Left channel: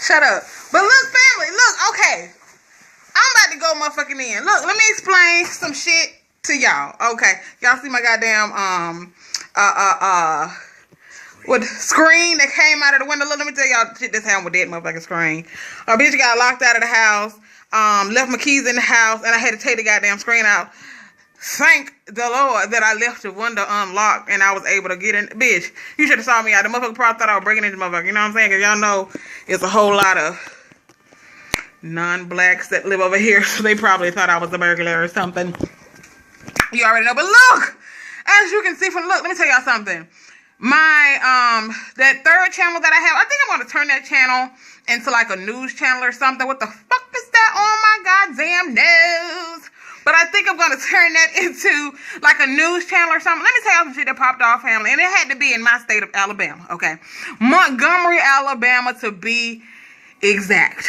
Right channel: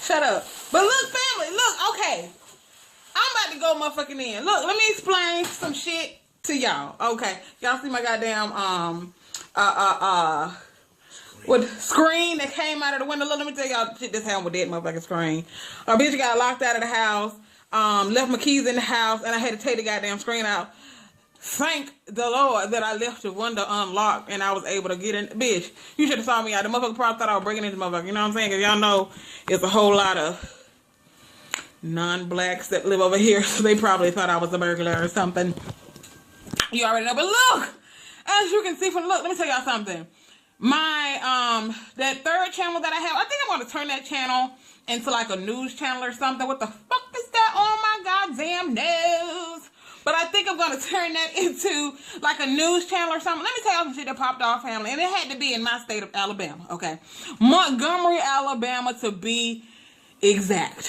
Shut up. But look, family, look, okay. I'm about to go motherfucking in. Look, let me explain some shit to y'all. Okay. Y'all see my goddamn, with screen that came out of the window. Look, let me tell y'all the shit that's happened with that motherfucking screen. A bitch got locked out of the house, left my keys in the house, and I had to take the goddamn screen out. Thank the Lord that I left the window unlocked and I was able to get in. Bitch, you should have saw me out. The motherfucker probably thought I was breaking into the motherfucker. You know what I'm saying? Because y'all know it's a whole lot of non-blacks that live over here. So they probably thought I was a burglar or something. You already know. But look, as you can see from, look, let me tell y'all something. My, that third channel that I have, I think I'm going to turn that channel into like a news channel or something. What the fuck is that on my goddamn nose? But I think I'm going to turn that into like a news channel or something. Let me tell you some shit that popped off, family. And it had to be in my state of Alabama, okay? Montgomery, Alabama, to be exact.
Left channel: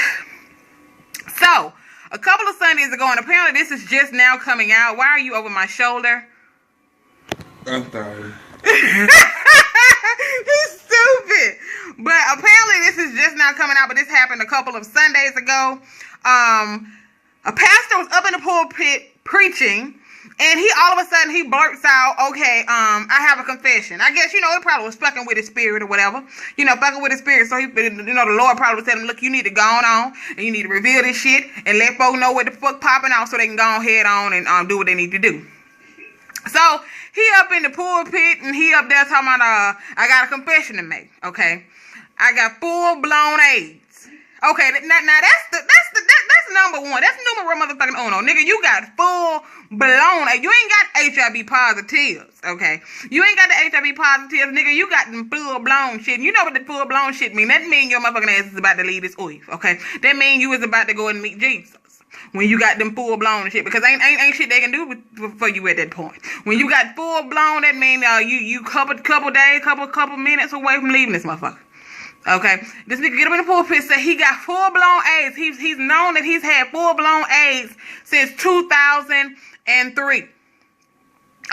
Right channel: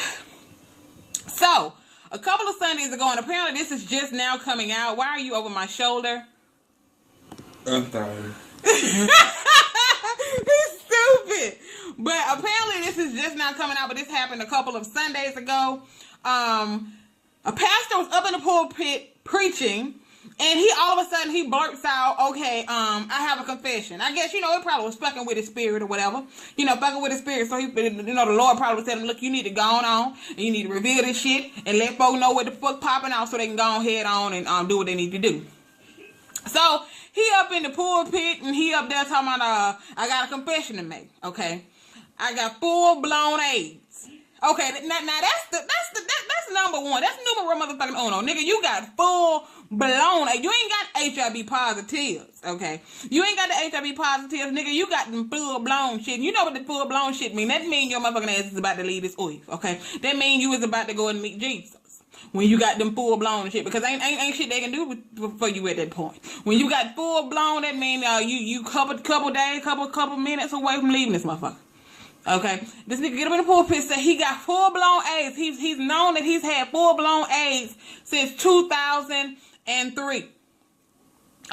So, a couple of Sundays ago, and apparently this is just now coming out. Why are you over my shoulder? I'm sorry. He's stupid. But apparently this is just now coming out, but this happened a couple of Sundays ago. A pastor was up in the pulpit preaching, and he all of a sudden he blurts out, okay, I have a confession. I guess, you know, it probably was fucking with his spirit or whatever. You know, fucking with his spirit. So he, you know, the Lord probably was telling him, look, you need to go on and you need to reveal this shit and let folks know what the fuck popping off so they can go ahead on and do what they need to do. So he up in the pulpit and he up there talking about, I got a confession to make. Okay, I got full-blown AIDS. Okay, now that's number one. That's numero motherfucking uno. Nigga, you got full-blown AIDS. You ain't got HIV positives, okay? You ain't got the HIV positives, nigga. You got them full-blown shit. You know what the full-blown shit mean? That mean your motherfucking ass is about to leave this earth, okay? That mean you is about to go and meet Jesus. When you got them full-blown shit. Because ain't shit they can do for you at that point. When you got full-blown, that mean you couple days, couple minutes away from leaving this motherfucker. Okay, this nigga get up in the pulpit, say he got full-blown AIDS. He's known that he's had full-blown AIDS since 2003.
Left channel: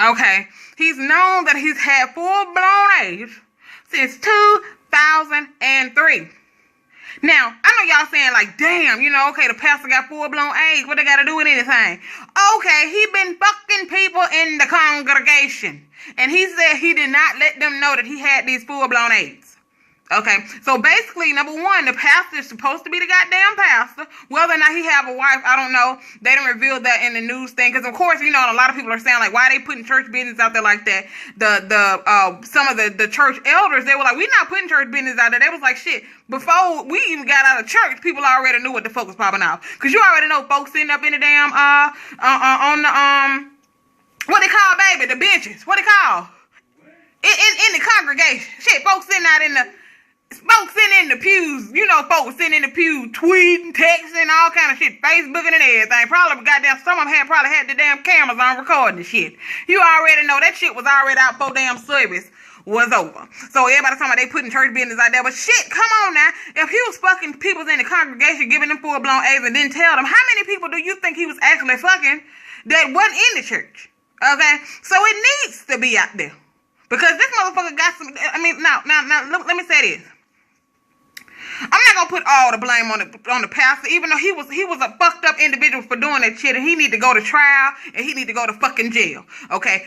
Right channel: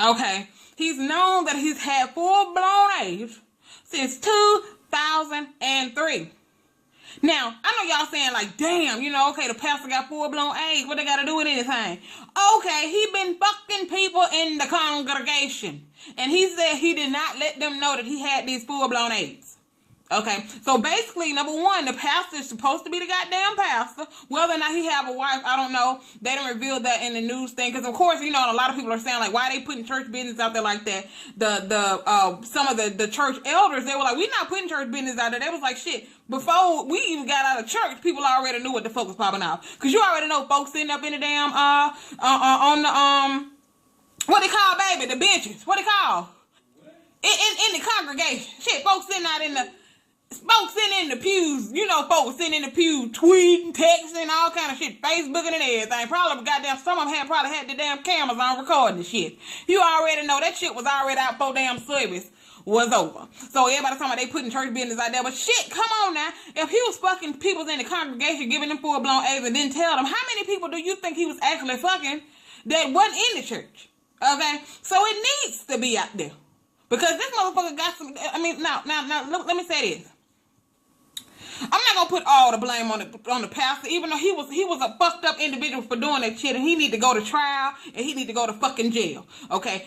Okay, he's known that he's had full-blown AIDS since 2003. Now, I know y'all saying like, damn, you know, okay, the pastor got full-blown AIDS. What they got to do with anything? Okay, he been fucking people in the congregation. And he said he did not let them know that he had these full-blown AIDS. Okay, so basically, number one, the pastor is supposed to be the goddamn pastor. Whether or not he have a wife, I don't know. They didn't reveal that in the news thing. Because, of course, you know, a lot of people are saying, like, why are they putting church business out there like that? Some of the church elders, they were like, we not putting church business out there. They was like, shit, before we even got out of church, people already knew what the fuck was popping off. Because you already know folks sitting up in the damn, on the, what they call, baby, the benches. What they call? In the congregation. Shit, folks sitting out in the... Folks sitting in the pews, you know, folks sitting in the pew tweeting, texting, all kind of shit, Facebooking and everything. Probably goddamn, some of them probably had the damn cameras on recording the shit. You already know that shit was already out before damn service was over. So everybody talking about they putting church business out there. But shit, come on now. If he was fucking people in the congregation, giving them full-blown AIDS and didn't tell them, how many people do you think he was actually fucking that wasn't in the church? Okay? So it needs to be out there. Because this motherfucker got some, I mean, now, let me say this. I'm not gonna put all the blame on the pastor, even though he was a fucked up individual for doing that shit, and he need to go to trial and he need to go to fucking jail. Okay,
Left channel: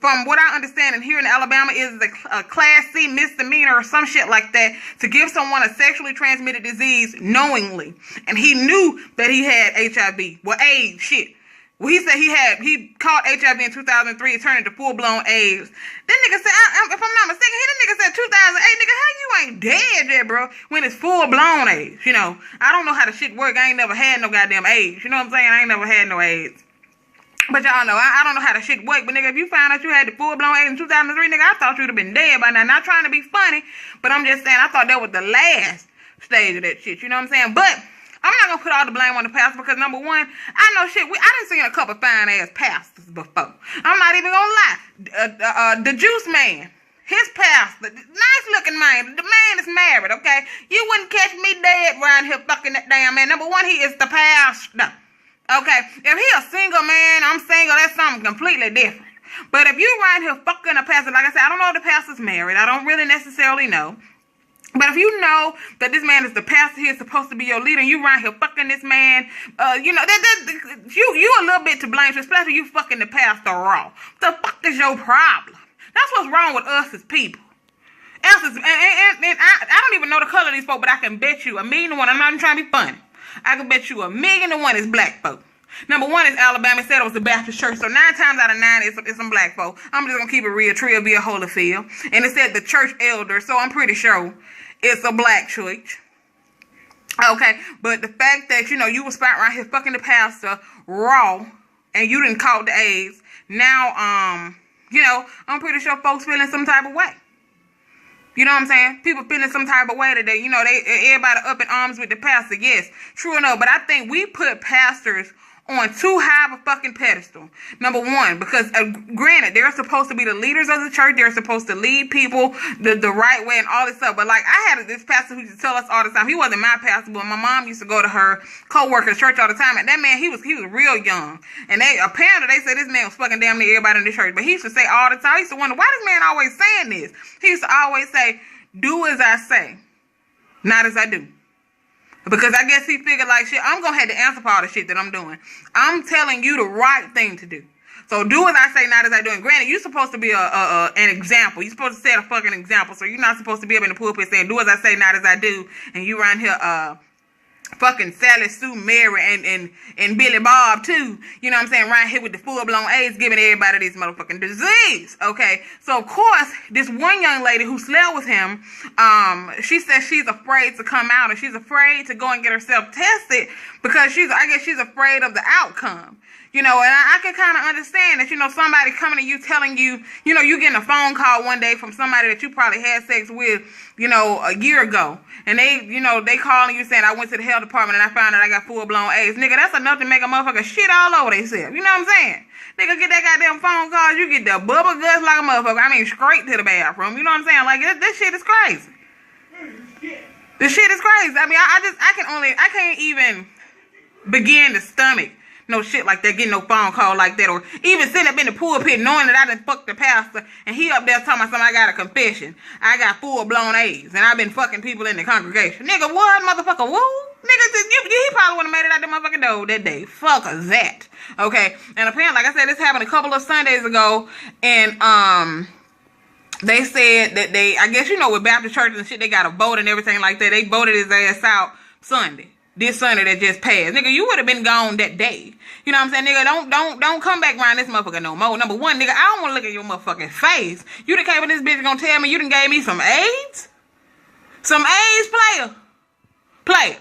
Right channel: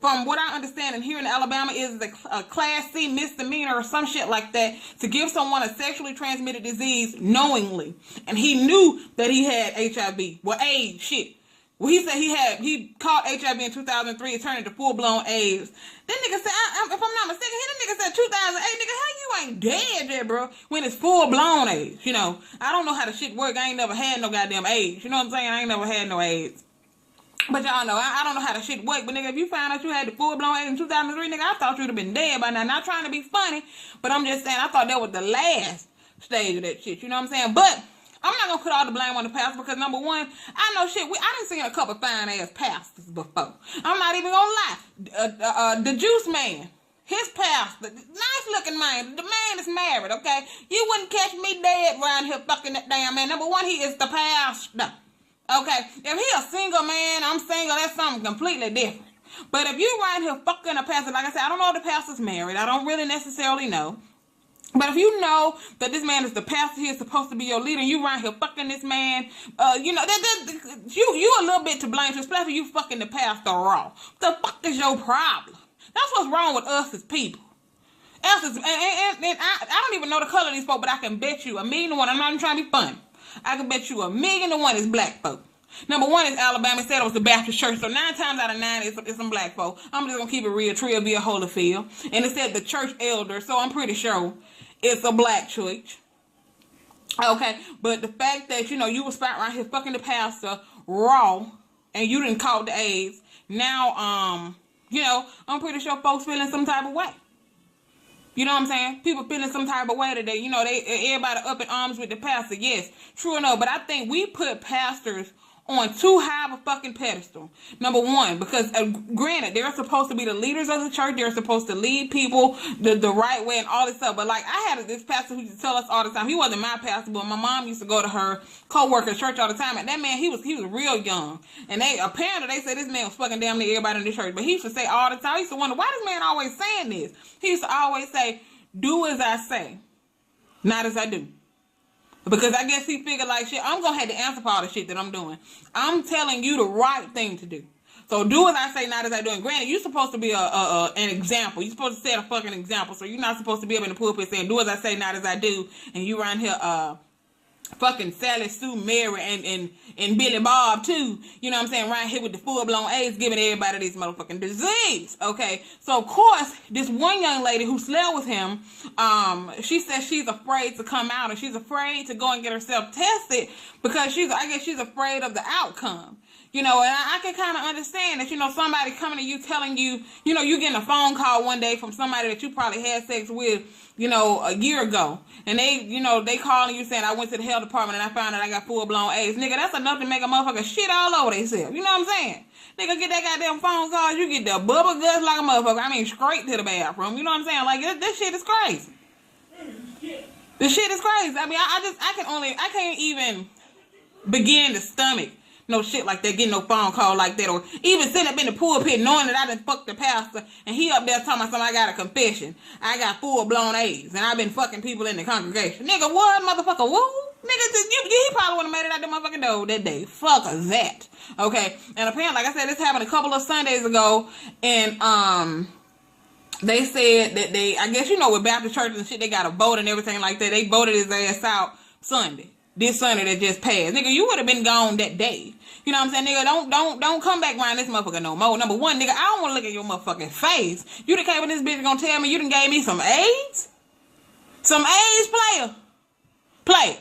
from what I understand, and here in Alabama is a Class C misdemeanor or some shit like that to give someone a sexually transmitted disease knowingly, and he knew that he had HIV, well, AIDS, shit. Well, he said he caught HIV in 2003. It turned into full-blown AIDS. That nigga said, if I'm not mistaken, that nigga said 2008. Nigga, how you ain't dead yet, bro, when it's full-blown AIDS? You know, I don't know how the shit work. I ain't never had no goddamn AIDS. You know what I'm saying? I ain't never had no AIDS. But y'all know, I don't know how the shit work. But nigga, if you found out you had the full-blown AIDS in 2003, nigga, I thought you'd have been dead by now. Not trying to be funny, but I'm just saying, I thought that was the last stage of that shit. You know what I'm saying? But I'm not gonna put all the blame on the pastor because number one, I know shit. I done seen a couple fine ass pastors before. I'm not even gonna lie. The juice man, his pastor, nice looking man. The man is married. Okay, you wouldn't catch me dead around here fucking that damn man. Number one, he is the pastor. Okay, if he a single man, I'm single. That's something completely different. But if you around here fucking a pastor, like I said, I don't know if the pastor's married. I don't really necessarily know. But if you know that this man is the pastor, he is supposed to be your leader, and you around here fucking this man, you know, you a little bit to blame, especially you fucking the pastor raw. The fuck is your problem? That's what's wrong with us as people. And I don't even know the color of these folk, but I can bet you 1,000,000 to 1. I'm not even trying to be funny. I can bet you 1,000,000 to 1 is black folk. Number one is Alabama. It said it was the Baptist church, so 9 times out of 9 it's some black folk. I'm just gonna keep it real. Trillville, Holyfield, and it said the church elder, so I'm pretty sure it's a black church. Okay, but the fact that you know you was right here fucking the pastor raw, and you didn't call the AIDS. Now, you know, I'm pretty sure folks feeling some type of way. You know what I'm saying? People feeling some type of way today. You know, everybody up in arms with the pastor. Yes, true enough. But I think we put pastors on too high of a fucking pedestal. Number one, because granted, they're supposed to be the leaders of the church. They're supposed to lead people the right way and all this stuff. But like, I had this pastor who used to tell us all the time. He wasn't my pastor, but my mom used to go to her co-worker's church all the time. And that man, he was real young. And apparently they said this man was fucking damn near everybody in the church. But he used to say all the time. I used to wonder, why this man always saying this? He used to always say, do as I say, not as I do. Because I guess he figured like, shit, I'm going to have to answer for all the shit that I'm doing. I'm telling you the right thing to do. So do as I say, not as I do. And granted, you're supposed to be an example. You're supposed to set a fucking example. So you're not supposed to be up in the pulpit saying, do as I say, not as I do. And you around here fucking Sally Sue, Mary, and Billy Bob too. You know what I'm saying? Right here with the full-blown AIDS, giving everybody this motherfucking disease. Okay, so of course, this one young lady who slept with him, she says she's afraid to come out, and she's afraid to go and get herself tested because I guess she's afraid of the outcome. You know, and I can kind of understand that, you know, somebody coming to you telling you, you know, you getting a phone call one day from somebody that you probably had sex with, you know, a year ago. And they, you know, they calling you saying, I went to the health department and I found out I got full-blown AIDS. Nigga, that's enough to make a motherfucker shit all over themselves. You know what I'm saying? Nigga, get that goddamn phone call, you get the bubble guts like a motherfucker. I mean, straight to the bathroom. You know what I'm saying? Like, this shit is crazy. This shit is crazy. I mean, I can't even begin to stomach no shit like that, getting no phone call like that, or even sitting up in the pulpit knowing that I done fucked the pastor, and he up there talking about something, I got a confession. I got full-blown AIDS, and I've been fucking people in the congregation. Nigga, what, motherfucker, woo? Nigga, he probably wouldn't have made it out the motherfucking door that day. Fuck that. Okay, and apparently, like I said, this happened a couple of Sundays ago, and, they said that I guess, you know, with Baptist churches and shit, they got a vote and everything like that. They voted his ass out Sunday. This Sunday that just passed. Nigga, you would have been gone that day. You know what I'm saying? Nigga, don't come back around this motherfucker no more. Number one, nigga, I don't want to look at your motherfucking face. You done came with this bitch gonna tell me you done gave me some AIDS? Some AIDS, player.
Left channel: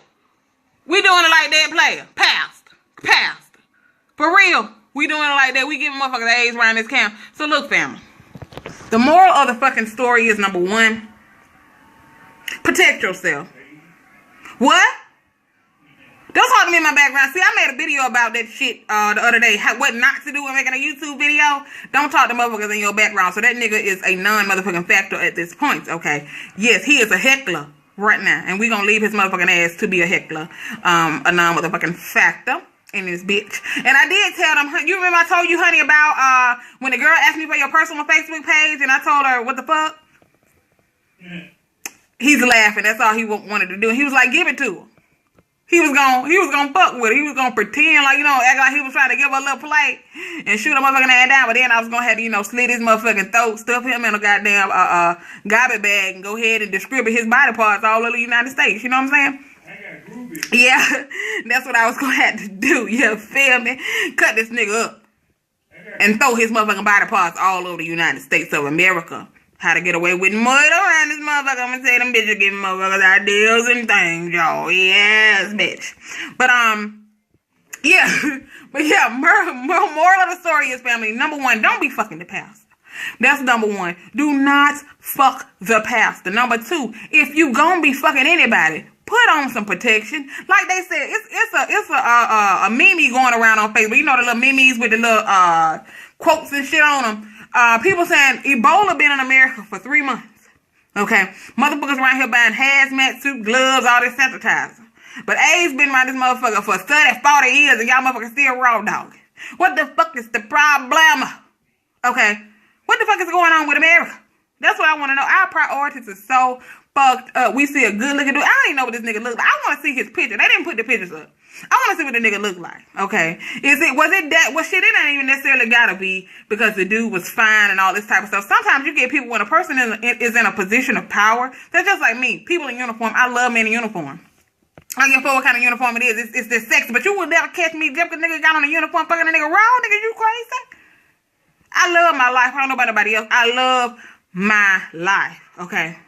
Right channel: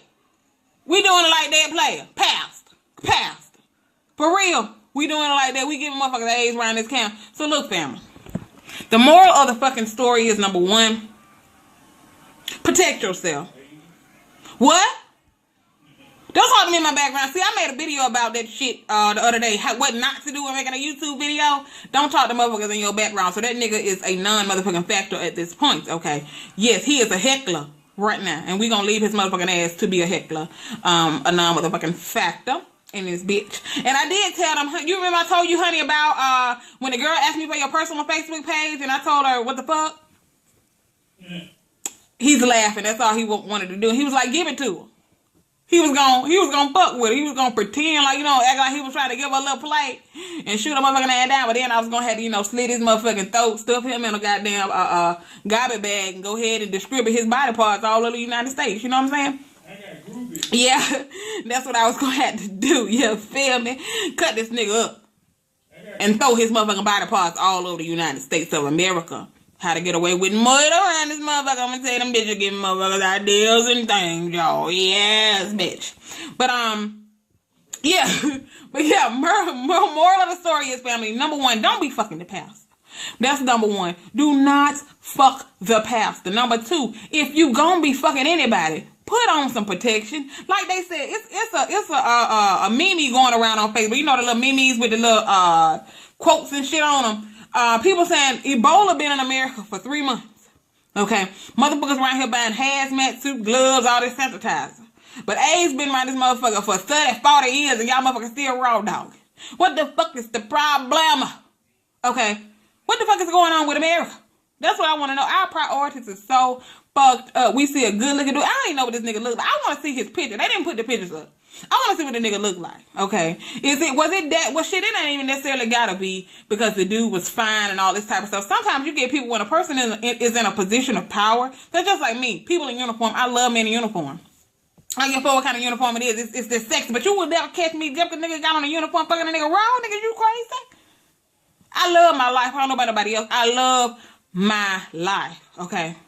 We doing it like that, player. Pastor. For real. We doing it like that. We giving motherfuckers AIDS around this camp. So look, family. The moral of the fucking story is, number one, protect yourself. What? Don't talk to me in my background. See, I made a video about that shit the other day. What not to do when making a YouTube video. Don't talk to motherfuckers in your background. So that nigga is a non-motherfucking factor at this point, okay? Yes, he is a heckler right now. And we gonna leave his motherfucking ass to be a heckler. A non-motherfucking factor in this bitch. And I did tell them, you remember I told you, honey, about when the girl asked me for your personal Facebook page and I told her, what the fuck? Yeah. He's laughing. That's all he wanted to do. He was like, give it to her. He was gonna fuck with her. He was gonna pretend like, you know, act like he was trying to give her a little plate and shoot her motherfucking ass down. But then I was gonna have to, you know, slit his motherfucking throat, stuff him in a goddamn garbage bag and go ahead and distribute his body parts all over the United States. You know what I'm saying? Yeah, that's what I was gonna have to do. You feel me? Cut this nigga up and throw his motherfucking body parts all over the United States of America. How to get away with murder around this motherfucker. I'm gonna say them bitches giving motherfuckers ideas and things, y'all. Yes, bitch. But, yeah. But, yeah, moral of the story is, family, number one, don't be fucking the pastor. That's number one. Do not fuck the pastor. Number two, if you gonna be fucking anybody, put on some protection. Like they said, it's a meme going around on Facebook. You know the little memes with the little quotes and shit on them. People saying Ebola been in America for 3 months. Okay. Motherfuckers around here buying hazmat suit, gloves, all this sanitizer. But AIDS been around this motherfucker for 30, 40 years and y'all motherfuckers still raw dogging. What the fuck is the problem? Okay. What the fuck is going on with America? That's what I want to know. Our priorities are so fucked up. We see a good looking dude. I don't even know what this nigga look like. I want to see his picture. They didn't put the pictures up. I want to see what the nigga look like. Okay, was it that? Well, shit, it ain't even necessarily gotta be because the dude was fine and all this type of stuff. Sometimes you get people when a person is in a position of power. That's just like me. People in uniform. I love men in uniform. I don't give a fuck what kind of uniform it is. It's this sexy, but you will never catch me just because nigga got on a uniform fucking a nigga raw. Nigga, you crazy? I love my life. I don't know about nobody else. I love my life. Okay,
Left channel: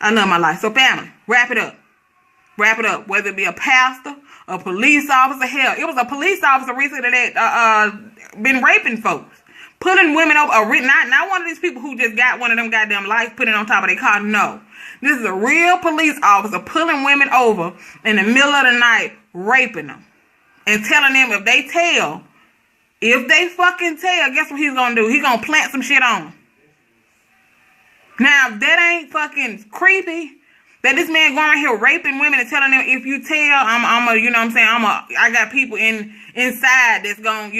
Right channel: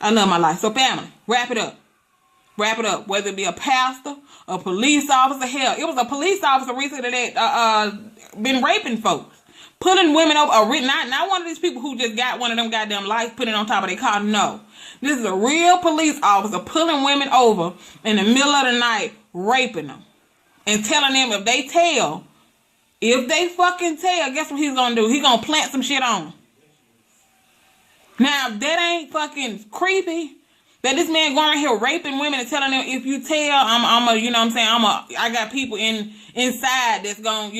I love my life. So family, wrap it up. Wrap it up. Whether it be a pastor, a police officer, hell, it was a police officer recently that been raping folks, pulling women over. Not one of these people who just got one of them goddamn lights, put it on top of their car. No, this is a real police officer pulling women over in the middle of the night, raping them, and telling them if they fucking tell, guess what he's gonna do? He's gonna plant some shit on them. Now that ain't fucking creepy. That this man going around here raping women and telling them if you tell, I got people inside that's gonna,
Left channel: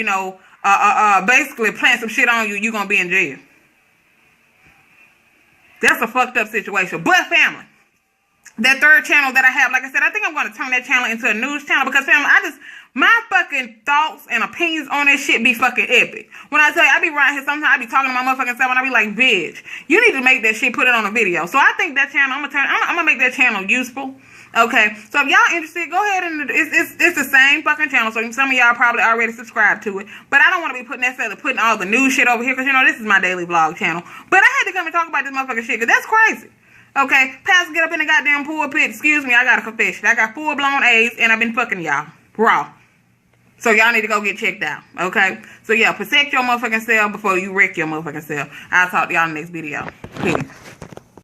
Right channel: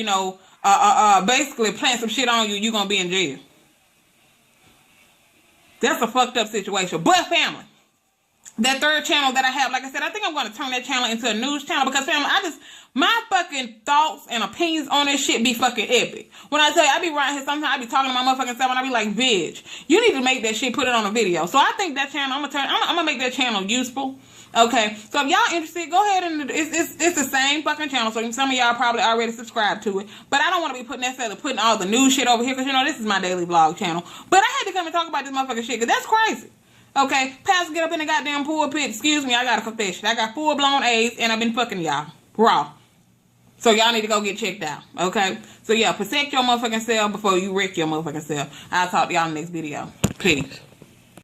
basically plant some shit on you, you gonna be in jail. That's a fucked up situation. But family, that third channel that I have, like I said, I think I'm gonna turn that channel into a news channel because family, my fucking thoughts and opinions on this shit be fucking epic. When I tell you, I be right here sometimes, I be talking to my motherfucking self and I be like, bitch, you need to make that shit, put it on a video. So I think that channel, I'm gonna make that channel useful. Okay, so if y'all interested, go ahead and it's the same fucking channel. So some of y'all probably already subscribed to it, but I don't want to be putting all the new shit over here because this is my daily vlog channel. But I had to come and talk about this motherfucking shit because that's crazy. Okay, pastor get up in the goddamn pulpit. Excuse me, I got a confession. I got full-blown AIDS and I've been fucking y'all raw. So y'all need to go get checked out. Okay, so yeah, protect your motherfucking self before you wreck your motherfucking self. I'll talk to y'all in the next video. Peace.